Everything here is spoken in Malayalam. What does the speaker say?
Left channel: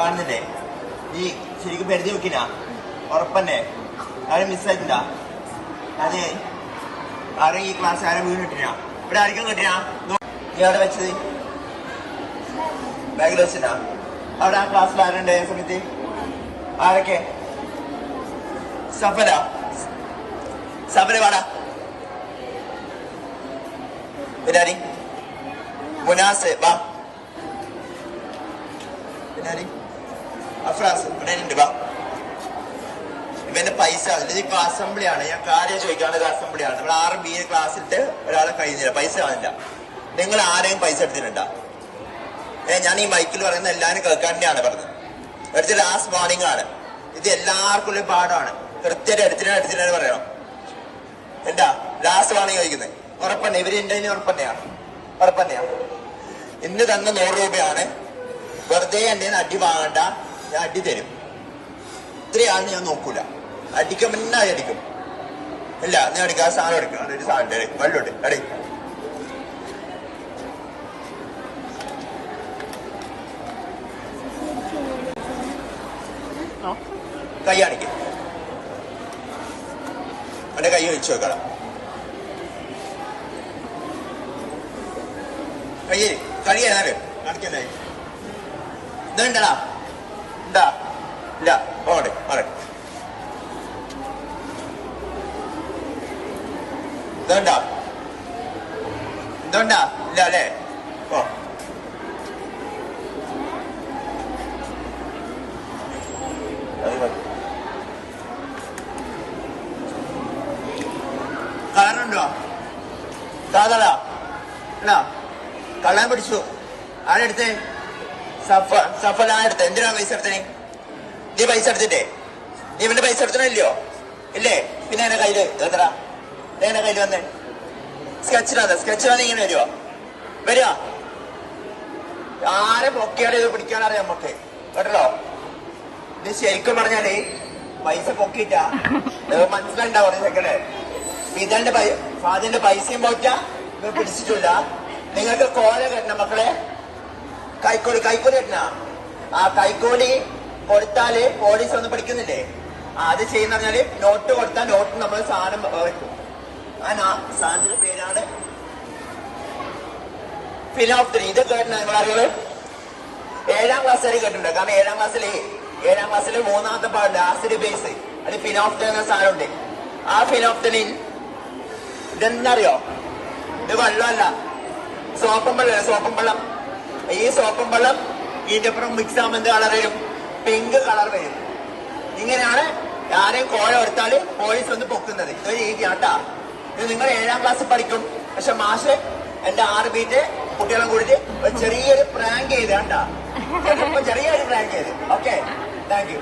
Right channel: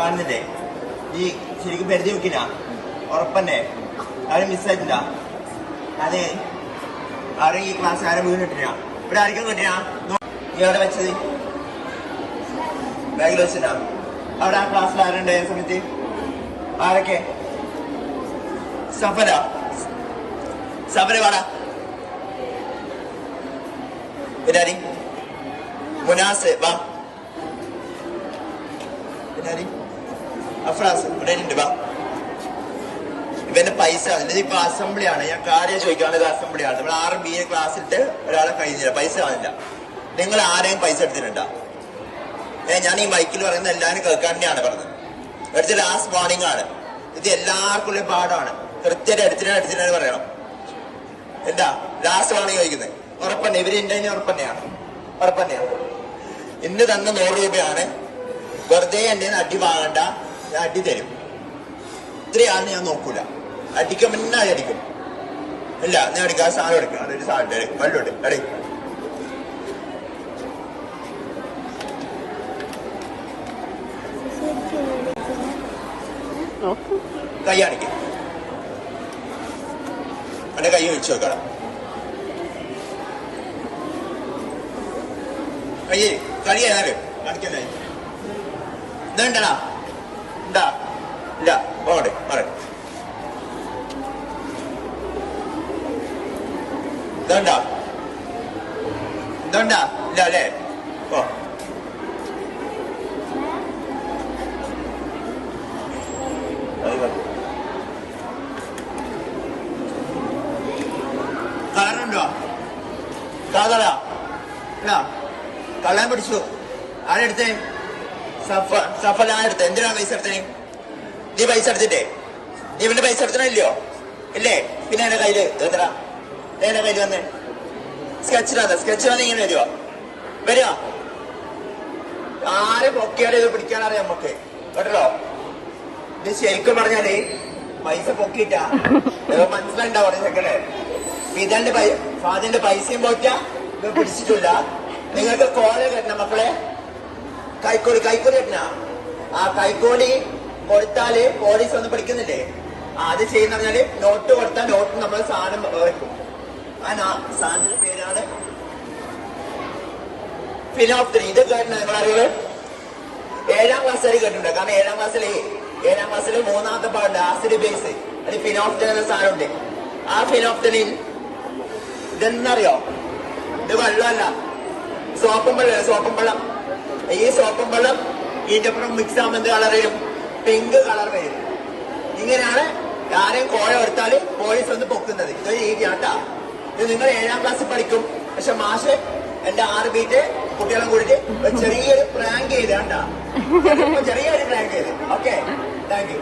കാണുന്നില്ലേ? നീ ശരിക്കും പരിധി വെക്കിനാ? ഉറപ്പന്നെ? ആരും മിസ്സായിട്ടില്ല? അതെ, ആരും ഈ ക്ലാസ് ആരും വീണ് കിട്ടിനാ? ഇവിടെ ആർക്കും കിട്ടിനാ? നീ അവിടെ വെച്ചത് ബാഗിൽ വെച്ചിട്ടാ? അവിടെ ആ ക്ലാസ്സിൽ ആരുണ്ട് സമയത്ത്? ആരൊക്കെ? സഫല വാടാ. പിന്നാരി മുനാസ് വാ. പിന്നാരി അഫ്രാസ് ഇവിടെ ഉണ്ട് വാ. ഇവന്റെ പൈസ ഇതിപ്പോ അസംബ്ലിയാണ്. ഞാൻ കാര്യം ചോദിക്കാനുള്ളത് അസംബ്ലിയാണ്. നമ്മൾ 6 BA ക്ലാസ്സിട്ട് ഒരാളെ കഴിഞ്ഞില്ല, പൈസ കാണില്ല. നിങ്ങൾ ആരെയും പൈസ എടുത്തിട്ടുണ്ടോ? ഞാൻ ഈ മൈക്കിൽ പറയുന്ന എല്ലാവരും കേൾക്കാൻ തന്നെയാണ് പറഞ്ഞത്. എടുത്ത ലാസ്റ്റ് വാർണിംഗ് ആണ് ഇത്. എല്ലാവർക്കും ഉള്ള പാടാണ്. കൃത്യമായിട്ട് എടുത്തിട്ടാണ് പറയണം. എന്താ ലാസ്റ്റ് വാർണിംഗ് ചോദിക്കുന്നത്? ഉറപ്പന്നെ ഇവര് ഉണ്ടെങ്കിൽ ഉറപ്പന്നെയാ. ഇന്ന് തന്ന 100 രൂപയാണ്. വെറുതെ എന്റെ അടി വാങ്ങണ്ട, ഞാൻ അടി തരും. ഇത്രയാണ് ഞാൻ നോക്കൂല. അടിക്കും പിന്നെ അടിക്കും. ഇല്ല ഞാൻ അടിക്കാം. സാധനം എടുക്കാം. അതൊരു സാധനം വെള്ളോട്ട് അടി. കൈ അടിക്കും. എന്റെ കൈ വെച്ച് വെക്കണം. കളി ഏതായാലും കാണിക്കണ്ടായി. ഇതുണ്ടടാ? ഉണ്ടാ? ഇല്ല. പോകട്ടെ പറ. ഇതുണ്ടാ? ഇല്ല അല്ലേ? ഓ കളറുണ്ടോ? കാതടാ കള്ളാൻ പിടിച്ചു. ആരെടുത്തേ? സഫല എടുത്തേ. എന്തിനാ പൈസ എടുത്തേ? നീ പൈസ എടുത്തിട്ടേ? നീ ഇവന്റെ പൈസ എടുത്തണില്ലയോ? ഇല്ലേ? പിന്നെ എന്റെ കയ്യില് എത്ര? എന്റെ കയ്യിൽ വന്നേ സ്കെച്ച് വന്ന് ഇങ്ങനെ വരുവോ? ആരെ പൊക്കിയാലും ഇത് പിടിക്കാനറിയാം നമുക്ക് കേട്ടോ. ഇത് ശരിക്കും പറഞ്ഞാലേ പൈസ പൊക്കിയിട്ടാ മനസ്സിലുണ്ടാവും ചെക്കല്ലേ. ഇതെന്റെ ഫാദിന്റെ പൈസയും പോയിട്ടാ ഇത് പിടിച്ചിട്ടില്ല. നിങ്ങൾക്ക് കോല കെട്ടണം മക്കളെ. കൈക്കോലി കെട്ടണ. ആ കൈക്കോലി കൊടുത്താല് പോലീസ് ഒന്നും പിടിക്കുന്നില്ലേ? അത് ചെയ്യുന്ന പറഞ്ഞാല് നോട്ട് കൊടുത്താൽ നോട്ട് നമ്മൾ സാധനം വെക്കും. ആ സാധനത്തിന്റെ പേരാണ് ഫിനോപ്തനി. ഇത് കേട്ടണ നിങ്ങളറിയത് 7ാം ക്ലാസ് വരെ കേട്ടിട്ടുണ്ട്. കാരണം 7ാം ക്ലാസ്സിൽ 3ാമത്തെ പാടുണ്ട് ആസിഡ് ബേസ്. അത് ഫിനോപ്തനി എന്ന സാധനമുണ്ട്. ആ ഫിനോപ്തനിൽ ഇതെന്തറിയോ? ഇത് വെള്ളമല്ല, സോപ്പും വെള്ളം. ഈ സോപ്പും വെള്ളം ഇതിന്റെ അപ്പുറം മിക്സ് ആകുമ്പോൾ എന്ത് കളർ വരും? പിങ്ക് കളർ വരും. ഇങ്ങനെയാണ് ആരെയും കോഴ എടുത്താല് പോലീസ് ഒന്ന് പൊക്കുന്നത്. ഇതൊരു രീതിയാട്ടാ. ഇത് നിങ്ങൾ 7ാം ക്ലാസ്സിൽ പഠിക്കും. പക്ഷെ മാഷ് എന്റെ 6 ബീറ്റ് കുട്ടികളും കൂടിയിട്ട് ചെറിയൊരു പ്രാങ്ക് ചെയ്ത് കണ്ടാ. ചെറിയൊരു പ്രാങ്ക് ചെയ്ത്. Okay, thank you.